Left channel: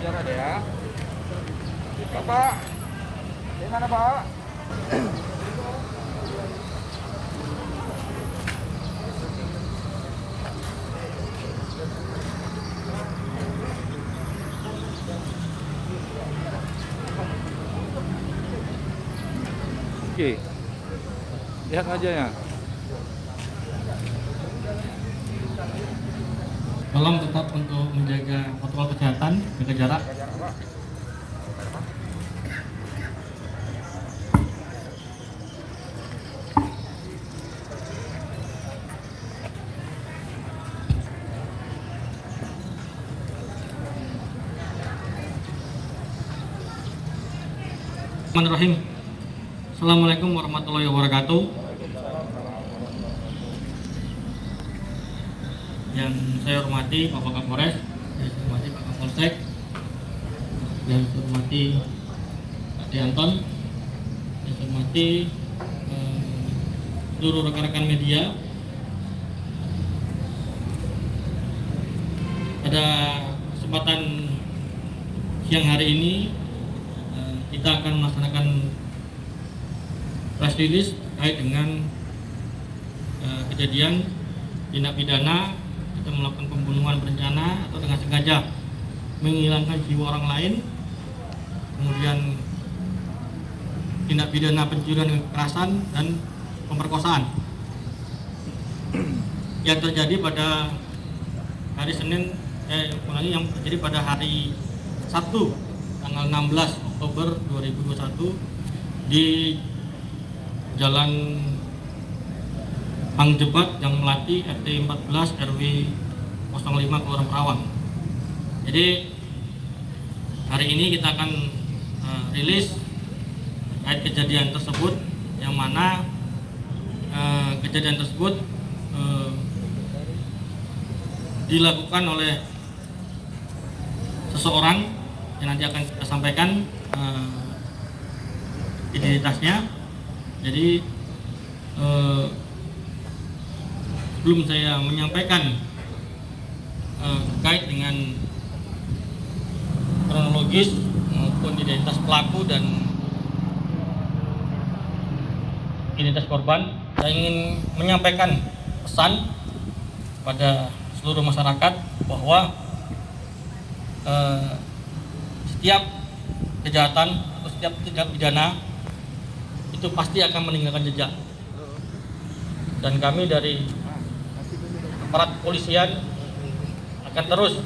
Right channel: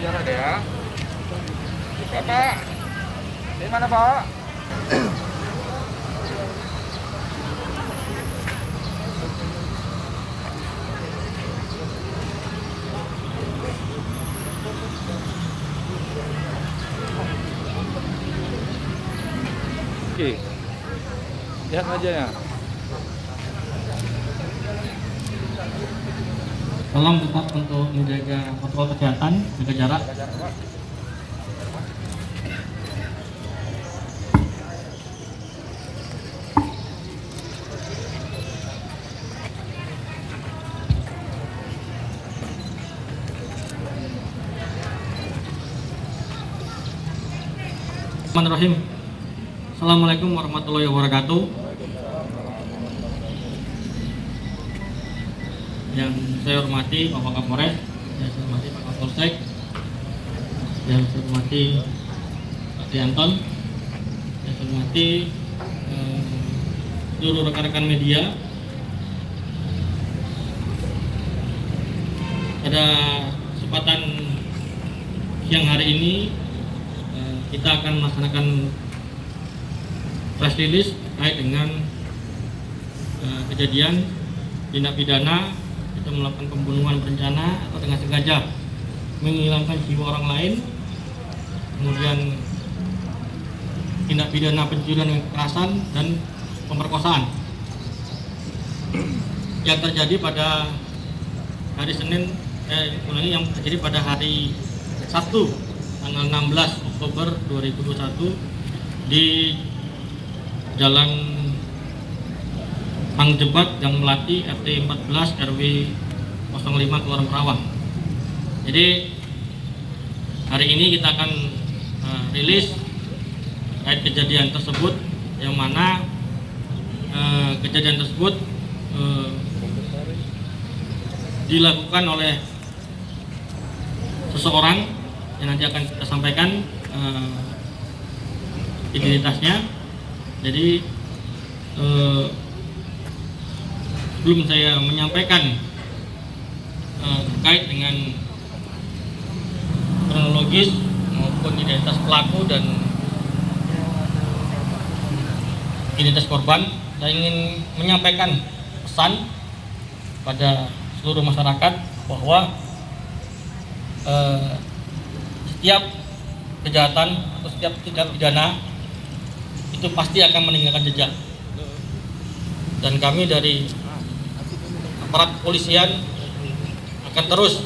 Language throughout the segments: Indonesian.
biar ada ya. Bapak, di mana Pak? Oke, lihat wajahnya. Tolong tetap untuk menjaga protokol kesehatan, jaga jarak. Bismillahirrahmanirrahim. Assalamualaikum warahmatullahi wabarakatuh. Yang saya hormati Bapak Kapolres, yang saya hormati Pak Kapolsek, yang saya hormati Pak Dianton, yang saya hormati seluruh rekan-rekan media. Pada kesempatan siang hari ini kita akan melaksanakan press release terkait dengan kejadian tindak pidana kita melakukan pembunuhan berencana atau dengan sengaja menghilangkan jiwa orang lain, kemudian tindak pidana pencurian dengan kekerasan dan pemerkosaan yang terjadi pada hari Senin yang terjadi pada hari Sabtu tanggal 16 Oktober 2021 di Jalan Hang Jebat Gang Melati RT 14 RW 05 Kelurahan Perawang. Jadi hari ini kita akan rilis terkait kejadian tersebut, yang mana kejadian tersebut dilakukan oleh seseorang yang nanti akan kita sampaikan identitasnya. Jadi belum saya menyampaikan terkait dengan kronologis maupun identitas pelaku dan identitas korban, saya ingin menyampaikan pesan pada seluruh masyarakat bahwa setiap kejahatan atau setiap tindak pidana itu pasti akan meninggalkan jejak, dan kami dari aparat kepolisian akan terus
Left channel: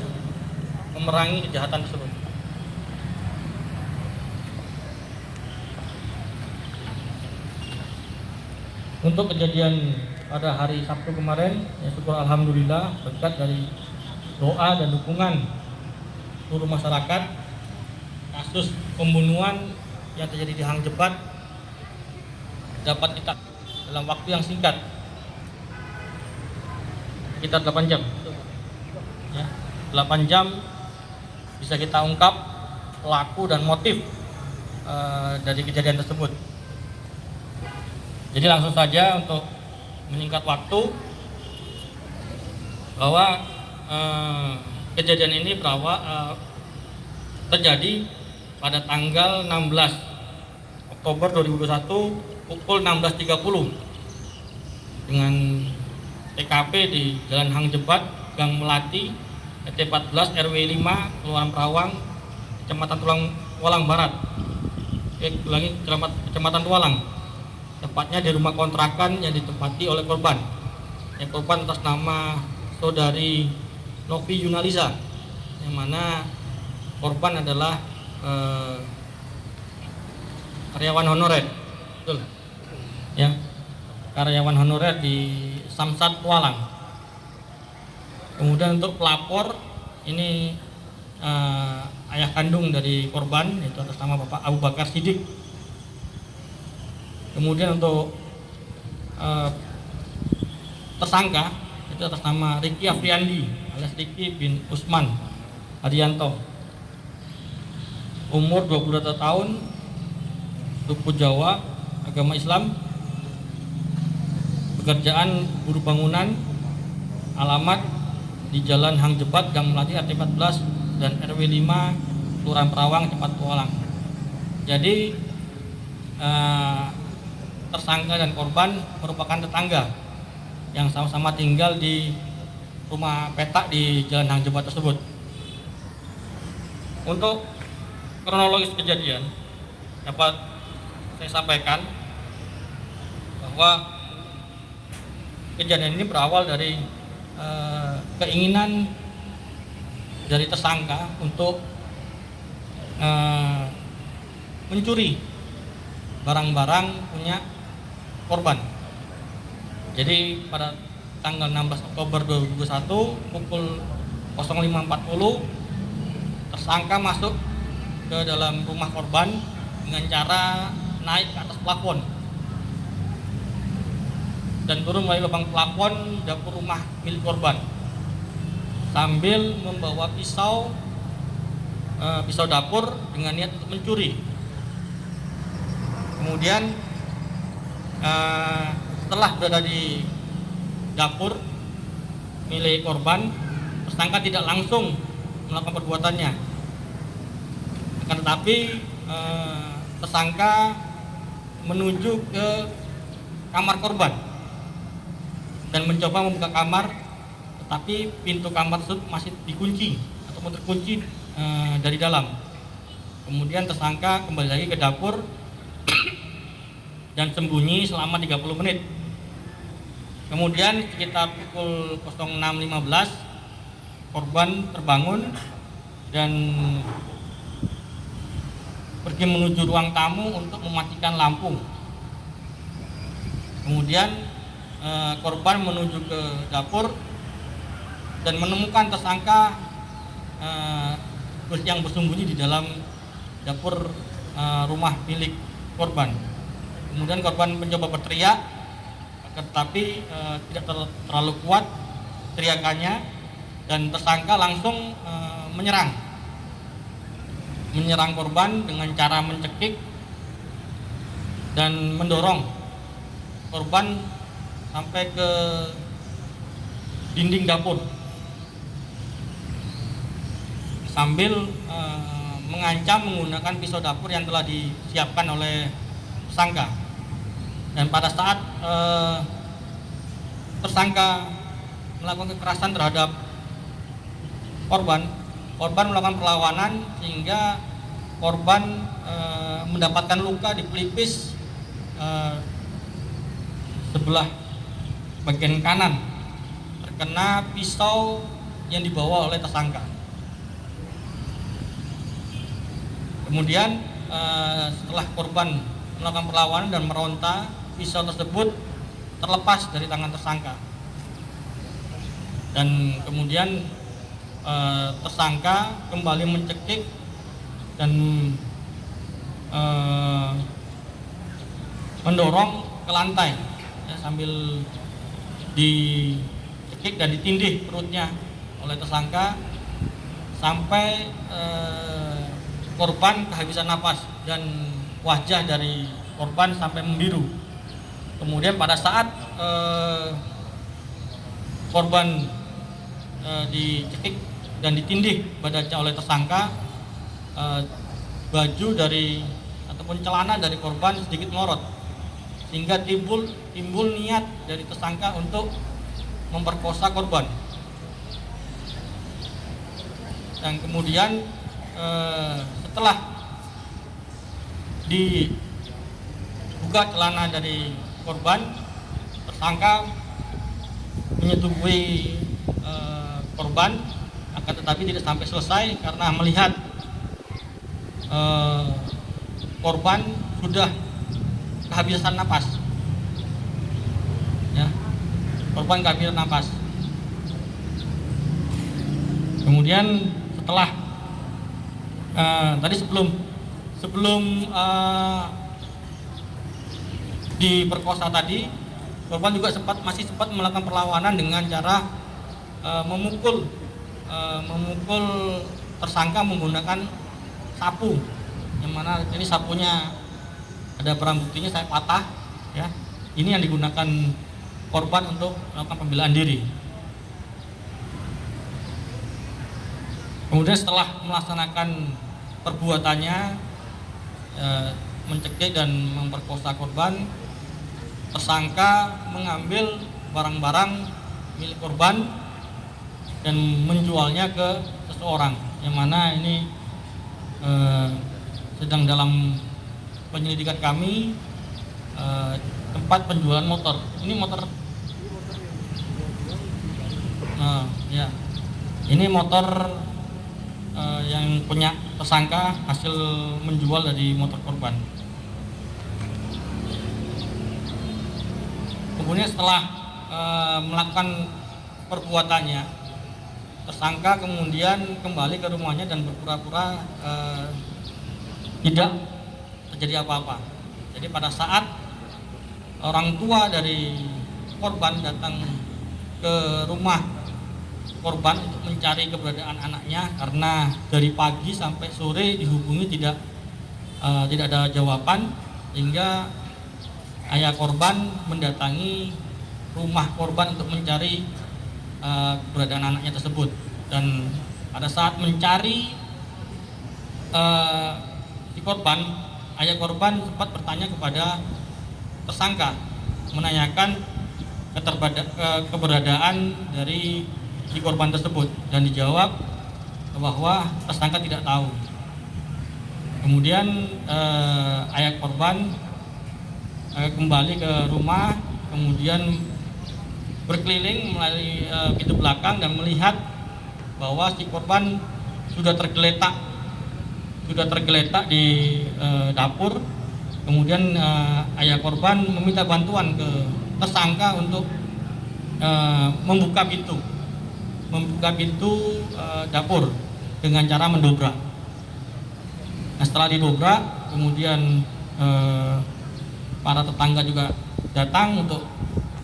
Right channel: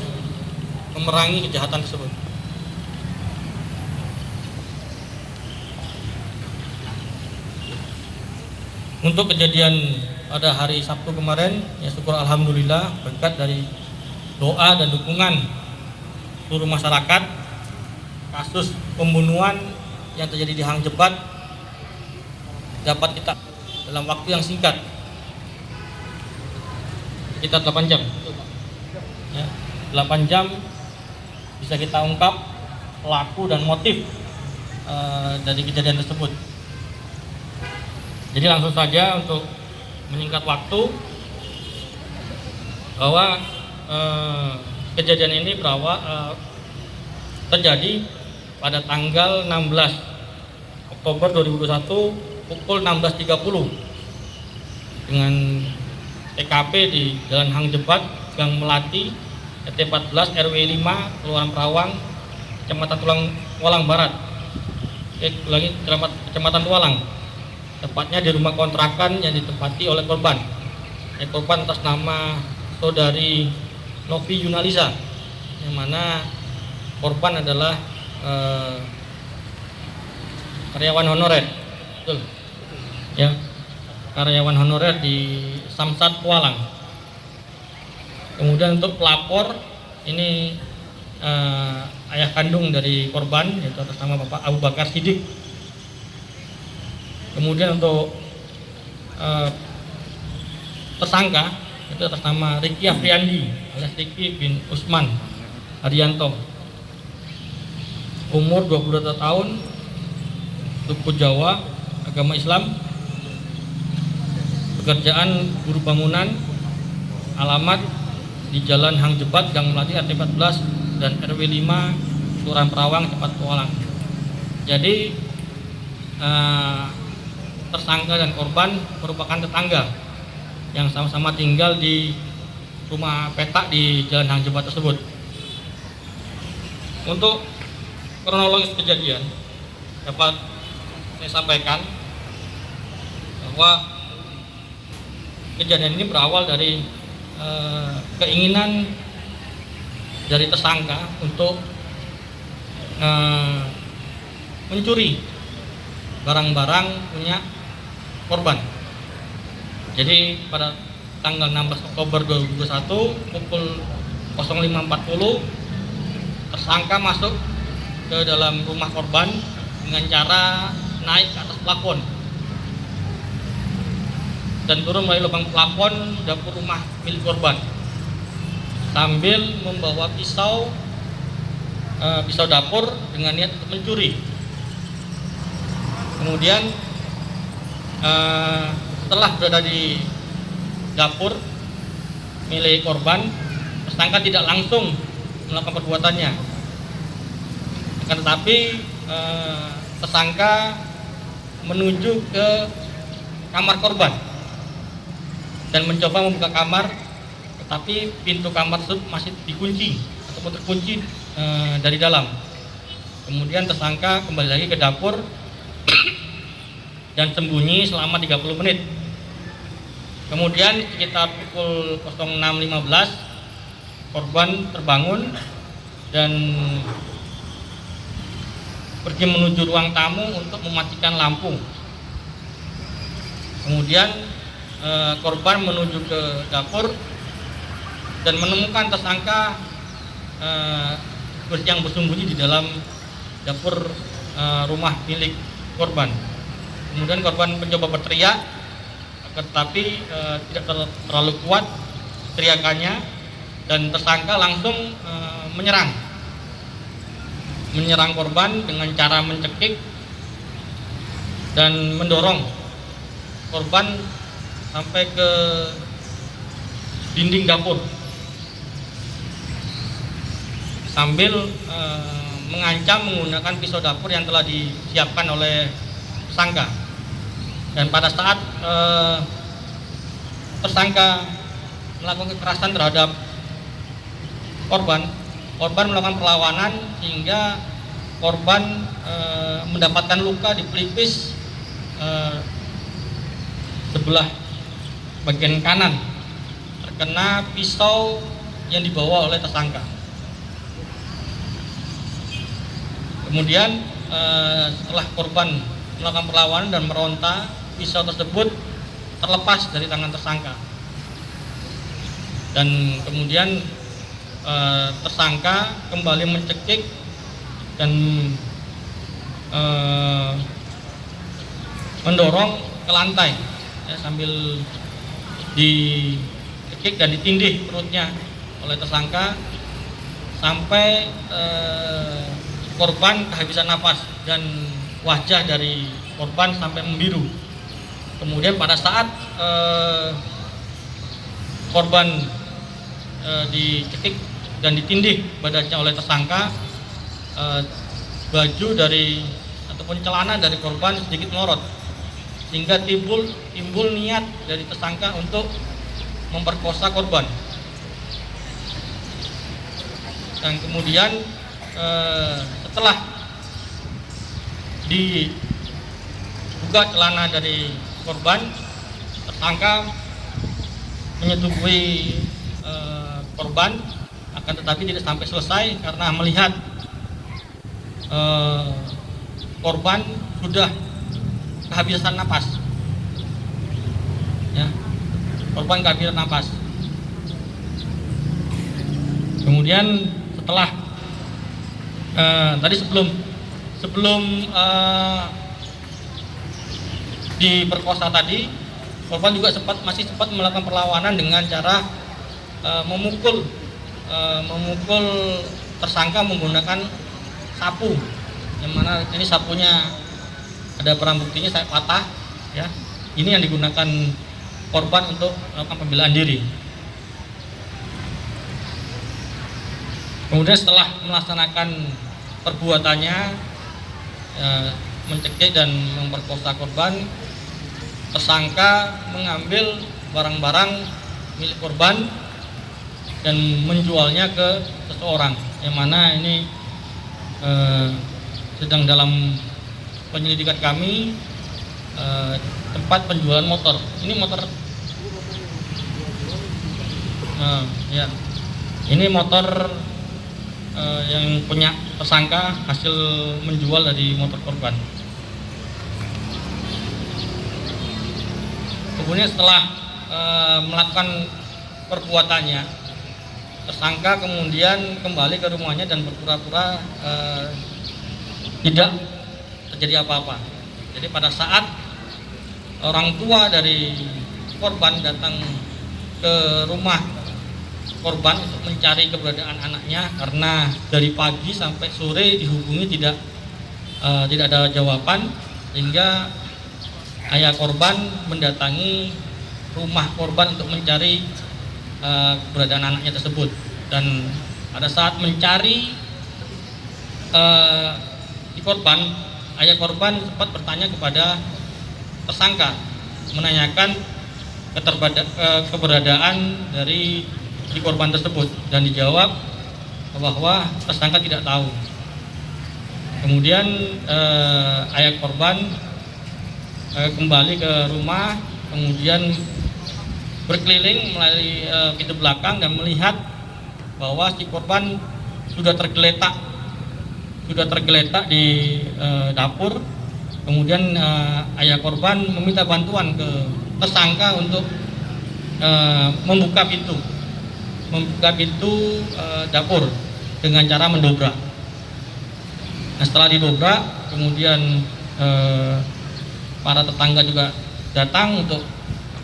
memerangi kejahatan tersebut. Untuk kejadian pada hari Sabtu kemarin, ya syukur alhamdulillah berkat dari doa dan dukungan seluruh masyarakat, kasus pembunuhan yang terjadi di Hang Jebat dapat kita dalam waktu yang singkat, sekitar 8 jam ya, 8 jam bisa kita ungkap pelaku dan motif dari kejadian tersebut. Jadi langsung saja untuk meningkat waktu, bahwa kejadian ini terjadi pada tanggal 16 Oktober 2021 pukul 16.30 dengan TKP di Jalan Hang Jebat Gang Melati RT 14 RW 5 Kelurahan Perawang, Kecamatan Tualang Barat, Kecamatan Tualang, tepatnya di rumah kontrakan yang ditempati oleh korban. Korban atas nama saudari Novi Yunalisa, yang mana korban adalah karyawan honorer, betul ya, karyawan honorer di Samsat Tualang. Kemudian untuk pelapor ini ayah kandung dari korban, yaitu atas nama Bapak Abu Bakar Siddiq. Kemudian untuk tersangka itu atas nama Riki Afriandi alias Riki bin Usman Haryanto, umur 22 tahun, suku Jawa, agama Islam, pekerjaan buruh bangunan, alamat di Jalan Hang Jebat Gang Melati RT 14 dan RW 5 Kelurahan Perawang, Cepat Kualang. Jadi tersangka dan korban merupakan tetangga yang sama-sama tinggal di rumah petak di Jalan Hang Jebat tersebut. Untuk kronologis kejadian dapat saya sampaikan bahwa kejadian ini berawal dari keinginan dari tersangka untuk mencuri barang-barang punya korban. Jadi pada tanggal 16 Oktober 2021 pukul 05.40 tersangka masuk ke dalam rumah korban dengan cara naik ke atas plafon dan turun melalui lubang plafon dapur rumah milik korban sambil membawa pisau dapur dengan niat untuk mencuri. Kemudian setelah berada di dapur milik korban, tersangka tidak langsung melakukan perbuatannya. Akan tetapi tersangka menuju ke kamar korban dan mencoba membuka kamar, tetapi pintu kamar tersebut masih dikunci atau terkunci dari dalam. Kemudian tersangka kembali lagi ke dapur dan sembunyi selama 30 menit. Kemudian sekitar pukul 06.15 korban terbangun dan pergi menuju ruang tamu untuk mematikan lampu. Kemudian korban menuju ke dapur dan menemukan tersangka yang bersembunyi di dalam dapur rumah milik korban. Kemudian korban mencoba berteriak, tetapi tidak terlalu kuat teriakannya dan tersangka langsung menyerang korban dengan cara mencekik dan mendorong korban sampai ke dinding dapur sambil mengancam menggunakan pisau dapur yang telah disiapkan oleh tersangka. Dan pada saat tersangka melakukan kekerasan terhadap korban melakukan perlawanan sehingga korban mendapatkan luka di pelipis sebelah bagian kanan terkena pisau yang dibawa oleh tersangka. Kemudian setelah korban melakukan perlawanan dan meronta, pisau tersebut terlepas dari tangan tersangka. Dan kemudian tersangka kembali mencekik dan mendorong ke lantai ya, sambil dicekik dan ditindih perutnya oleh tersangka sampai korban kehabisan nafas dan wajah dari korban sampai membiru. Kemudian pada saat korban dicekik dan ditindih badannya oleh tersangka, baju dari ataupun celana dari korban sedikit melorot sehingga timbul niat dari tersangka untuk memperkosa korban. Dan kemudian setelah dibuka celana dari korban, tersangka menyetubuhi korban, akan tetapi tidak sampai selesai karena melihat korban sudah kehabisan napas. Ya, korban kehabisan napas. Kemudian setelah tadi sebelum diperkosa tadi, korban juga masih sempat melakukan perlawanan dengan cara memukul tersangka menggunakan sapu, yang mana ini sapunya ada barang buktinya saya patah ya. Ini yang digunakan korban untuk melakukan pembelaan diri. Kemudian setelah melaksanakan perbuatannya mencekik dan memperkosa korban, tersangka mengambil barang-barang milik korban dan menjualnya ke seseorang, yang mana ini sedang dalam penyelidikan kami. Tempat penjualan motor. Ini motor. Ya. Ini motor yang punya tersangka hasil menjual dari motor korban. Kemudian setelah melakukan perbuatannya, tersangka kemudian kembali ke rumahnya dan berpura-pura tidak terjadi apa-apa. Jadi pada saat orang tua dari korban datang ke rumah korban untuk mencari keberadaan anaknya, karena dari pagi sampai sore dihubungi tidak ada jawaban, sehingga ayah korban mendatangi rumah korban untuk mencari keberadaan anaknya tersebut. Dan pada saat mencari si korban, ayah korban sempat bertanya kepada tersangka, menanyakan keberadaan dari si korban tersebut, dan dijawab bahwa tersangka tidak tahu. Kemudian ayah korban kembali ke rumah, kemudian berkeliling melalui pintu belakang dan melihat bahwa si korban sudah tergeletak di dapur. Kemudian ayah korban meminta bantuan ke tersangka untuk membuka pintu dapur dengan cara mendobrak. Nah, setelah didobrak, kemudian para tetangga juga datang untuk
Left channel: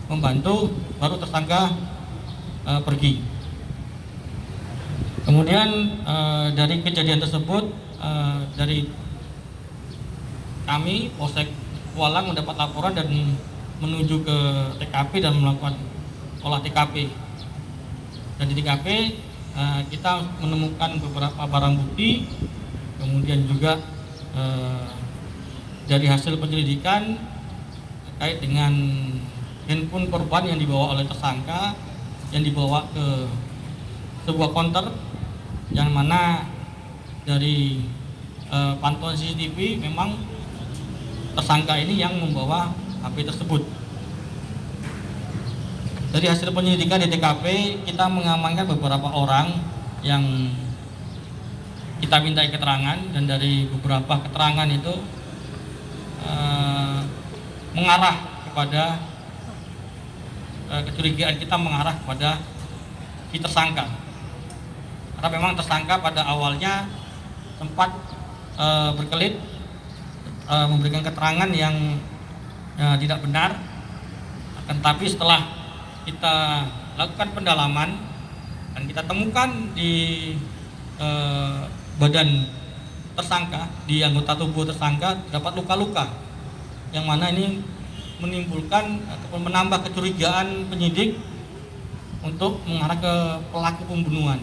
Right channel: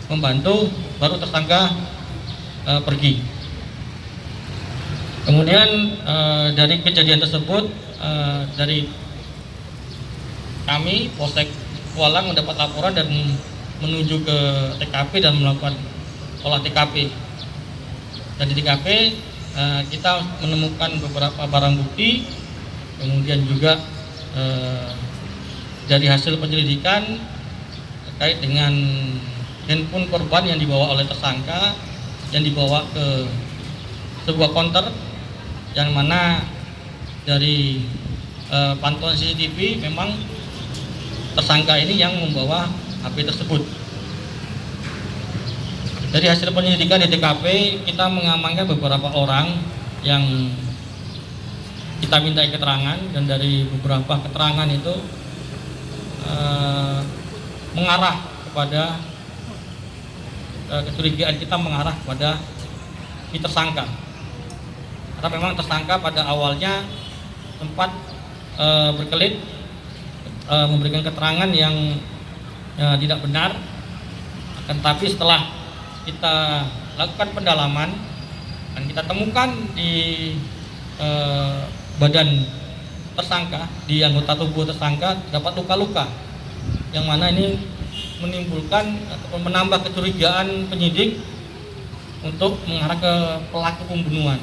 membantu, baru tersangka pergi. Kemudian dari kejadian tersebut, dari kami Polsek Kualang mendapat laporan dan menuju ke TKP dan melakukan olah TKP. Dan di TKP kita menemukan beberapa barang bukti, kemudian juga dari hasil penyelidikan terkait dengan handphone korban yang dibawa oleh tersangka, yang dibawa ke sebuah konter, yang mana dari pantauan CCTV memang tersangka ini yang membawa HP tersebut. Dari hasil penyelidikan di TKP, kita mengamankan beberapa orang yang kita minta keterangan, dan dari beberapa keterangan itu mengarah kepada kecurigaan kita mengarah kepada si tersangka. Karena memang tersangka pada awalnya sempat berkelit memberikan keterangan yang tidak benar, tetapi setelah kita lakukan pendalaman dan kita temukan di badan tersangka, di anggota tubuh tersangka dapat luka-luka, yang mana ini menimbulkan atau menambah kecurigaan penyidik untuk mengarah ke pelaku pembunuhan.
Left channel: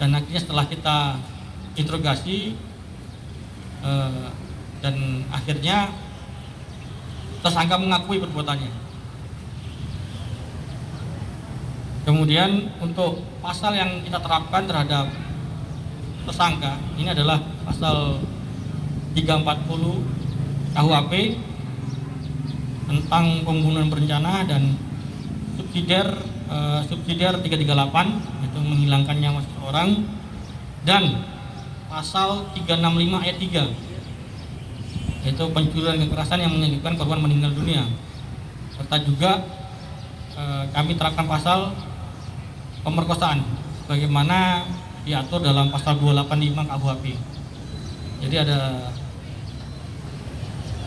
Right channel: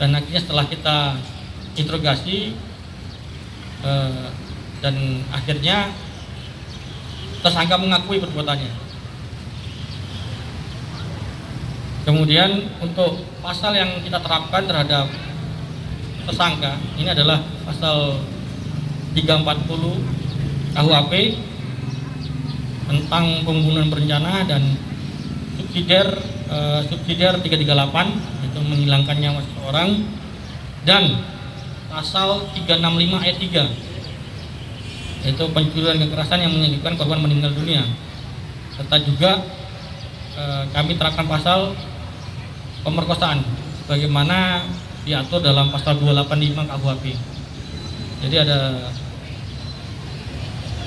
Dan akhirnya setelah kita interogasi dan akhirnya tersangka mengakui perbuatannya. Kemudian untuk pasal yang kita terapkan terhadap tersangka ini adalah pasal 340 KUHP tentang pembunuhan berencana dan subsidiar 338, yaitu menghilangkan nyawa seseorang, dan pasal 365 ayat 3, yaitu pencurian kekerasan yang menyebabkan korban meninggal dunia, serta juga kami terapkan pasal pemerkosaan sebagaimana diatur dalam pasal 285 KUHP. Jadi ada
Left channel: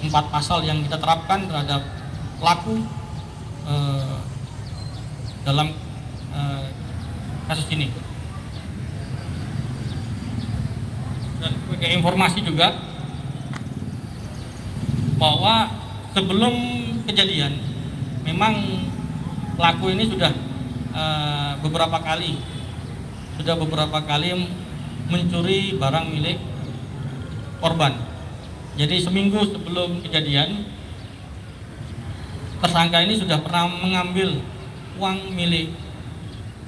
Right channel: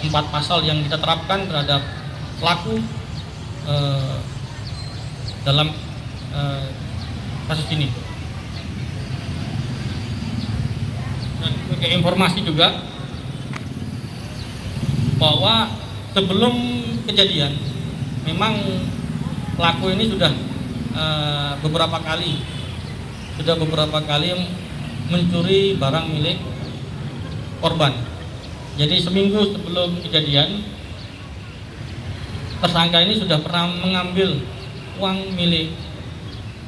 4 pasal yang kita terapkan terhadap pelaku dalam kasus ini. Dan sebagai informasi juga bahwa sebelum kejadian memang pelaku ini sudah beberapa kali mencuri barang milik korban. Jadi seminggu sebelum kejadian, tersangka ini sudah pernah mengambil uang milik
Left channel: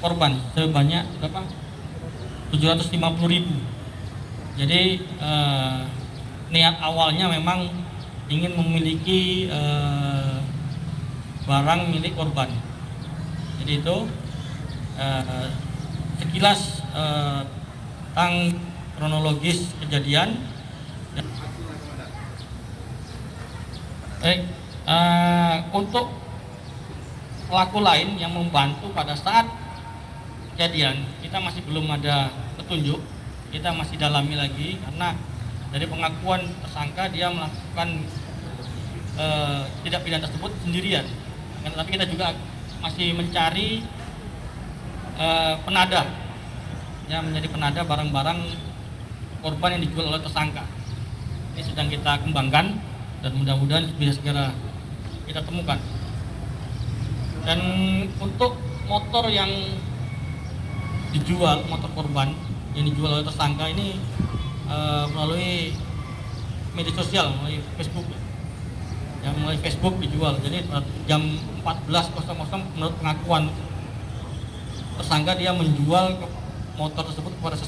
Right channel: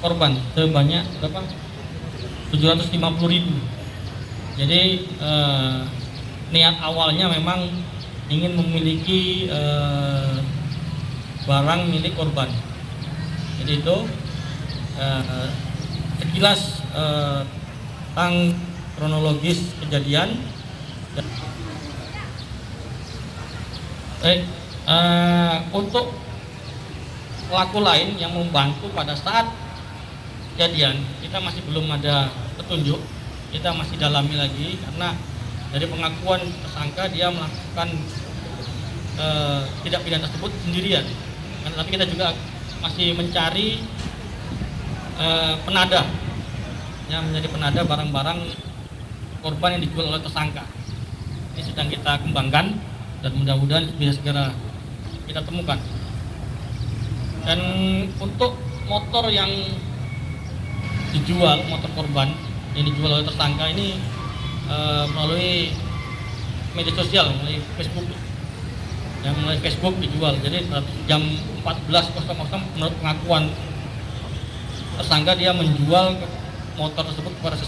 korban sebanyak berapa? 750.000. Jadi niat awalnya memang ingin memiliki barang milik korban. Jadi itu sekilas tentang kronologis kejadian. Baik, untuk pelaku lain yang membantu pada saat kejadian, kita masih belum ada petunjuk. Kita masih dalami lagi karena dari pengakuan tersangka dia melakukan tindak pidana tersebut sendirian. Tapi kita juga masih mencari penada yang menjadi penada barang-barang korban yang dijual oleh tersangka. Ini sedang kita kembangkan dan mudah-mudahan bisa segera kita temukan. Dan untuk motor yang dijual, motor korban yang dijual oleh tersangka ini melalui media sosial, melalui Facebook. Yang melalui Facebook dijual. Jadi jam 14.00 menurut pengakuan tersangka dia menjual motor tersebut kepada